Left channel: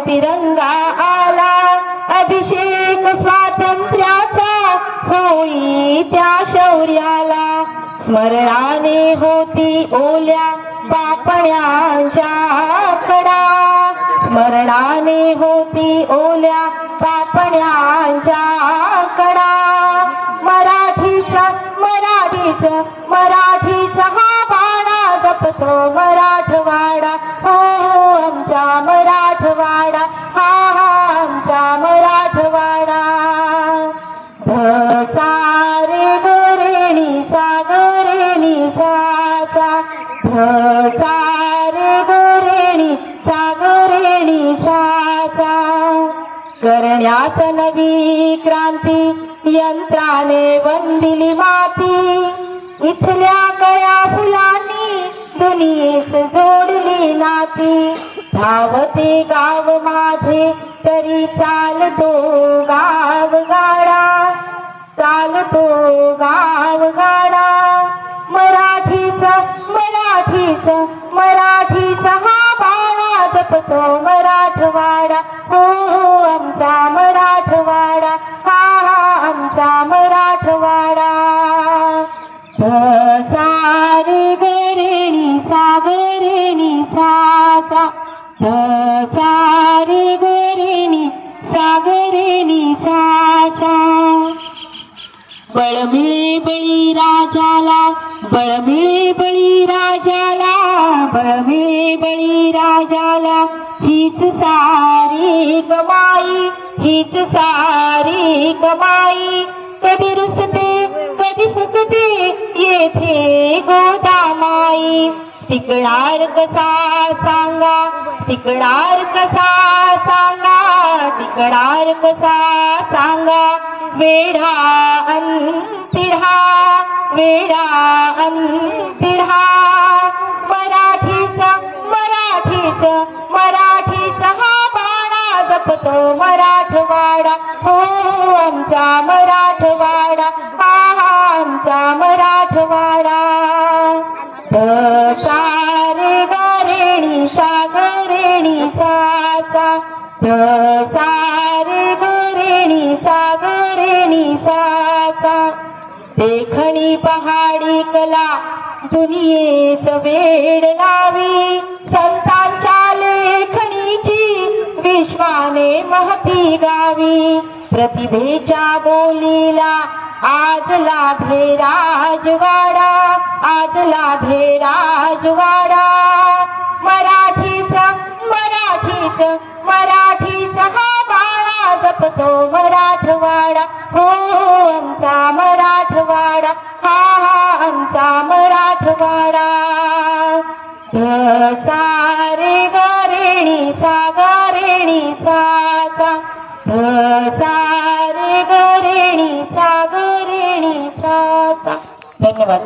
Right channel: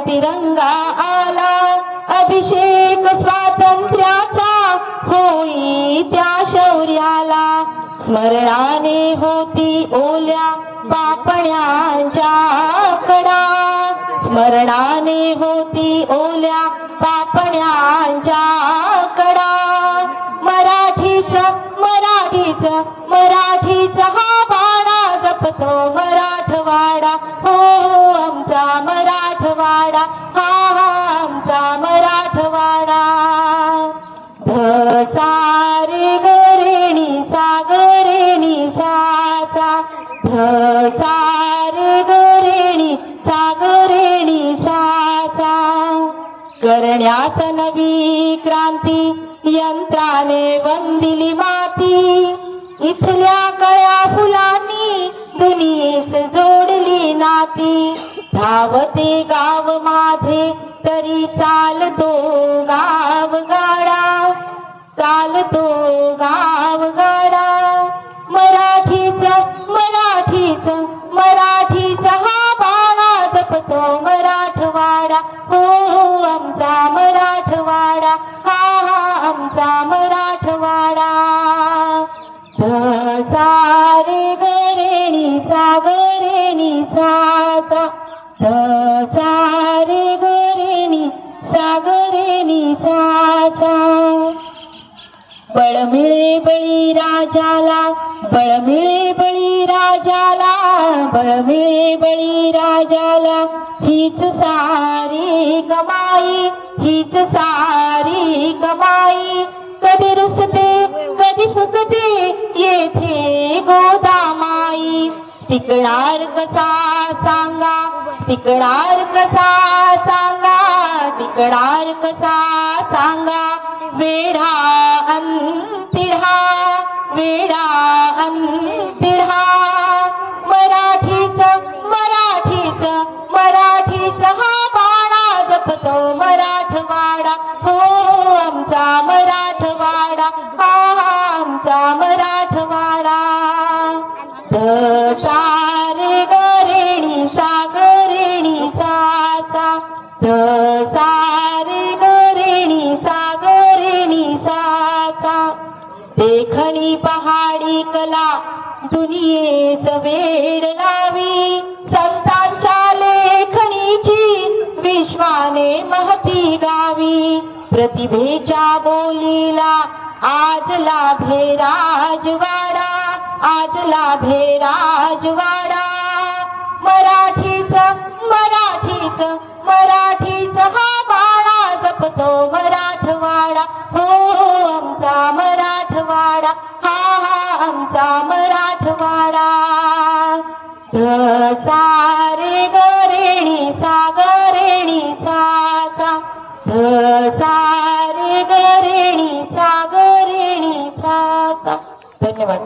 तिरंगा आला, अभिषेक स्वातंत्र्याचा होई त्या शौर्याला. स्मरणाने होती ओल्या पापण्यांच्या कडा, स्मरणाने होती ओल्या पापण्यांच्या कडा. मराठीचा हा बाणा जपतो मराठवाडा. हो आमचा मराठवाडा, हा आमचा मराठवाडा. सारे गरेणी सागरेणी साचा, सारे गरेणी सागरेणी साचा. करण्यास नवी क्रांती यंत्राने वंदिली माती, इथल्या कळ्या फुलांनी दुनियेस जोडली नाती. धावते गाव माझे तरी चालतो गावगाडा, चालतो गावगाडा. मराठीचा हा बाणा जपतो मराठवाडा. हो आमचा मराठवाडा, हा आमचा मराठवाडा. सारे गरेणी सागरेणी साचा, सारे गरेणी सागरेणी साचा. बळ मिळे बळी राजाला, बळ मिळे बळी राजाला, बळ मिळे बळी राजाला. हीच सारी कमाई, हीच सारी कमाई. कधी रुसते कधी फुकते येथे गोदामाई. टिकणार कसा सांगा, टिकणार कसा सांगा, टिकणार कसा सांगा. वेढा अंतिढा, वेढा अंतिढा. मराठीचा हा बाणा जपतो मराठवाडा. हो आमचा मराठवाडा, हा आमचा मराठवाडा. सारे गरेणी सागरेणी साचा, सारे गरेणी सागरेणी साचा. देखणी पहाडी कला दुनियेस वेड लावी, संतांच्या लेखणीची विश्वाने महती गावी. प्रतिभेच्या बोलीला आज लाभे राजवाडा, आज लाभे राजवाडा. मराठीचा हा बाणा जपतो मराठवाडा. हो आमचा मराठवाडा, हा आमचा मराठवाडा. सारे गरेणी सागरेणी साचा, सारे गरेणी सागरेणी साचा. धन्यवाद.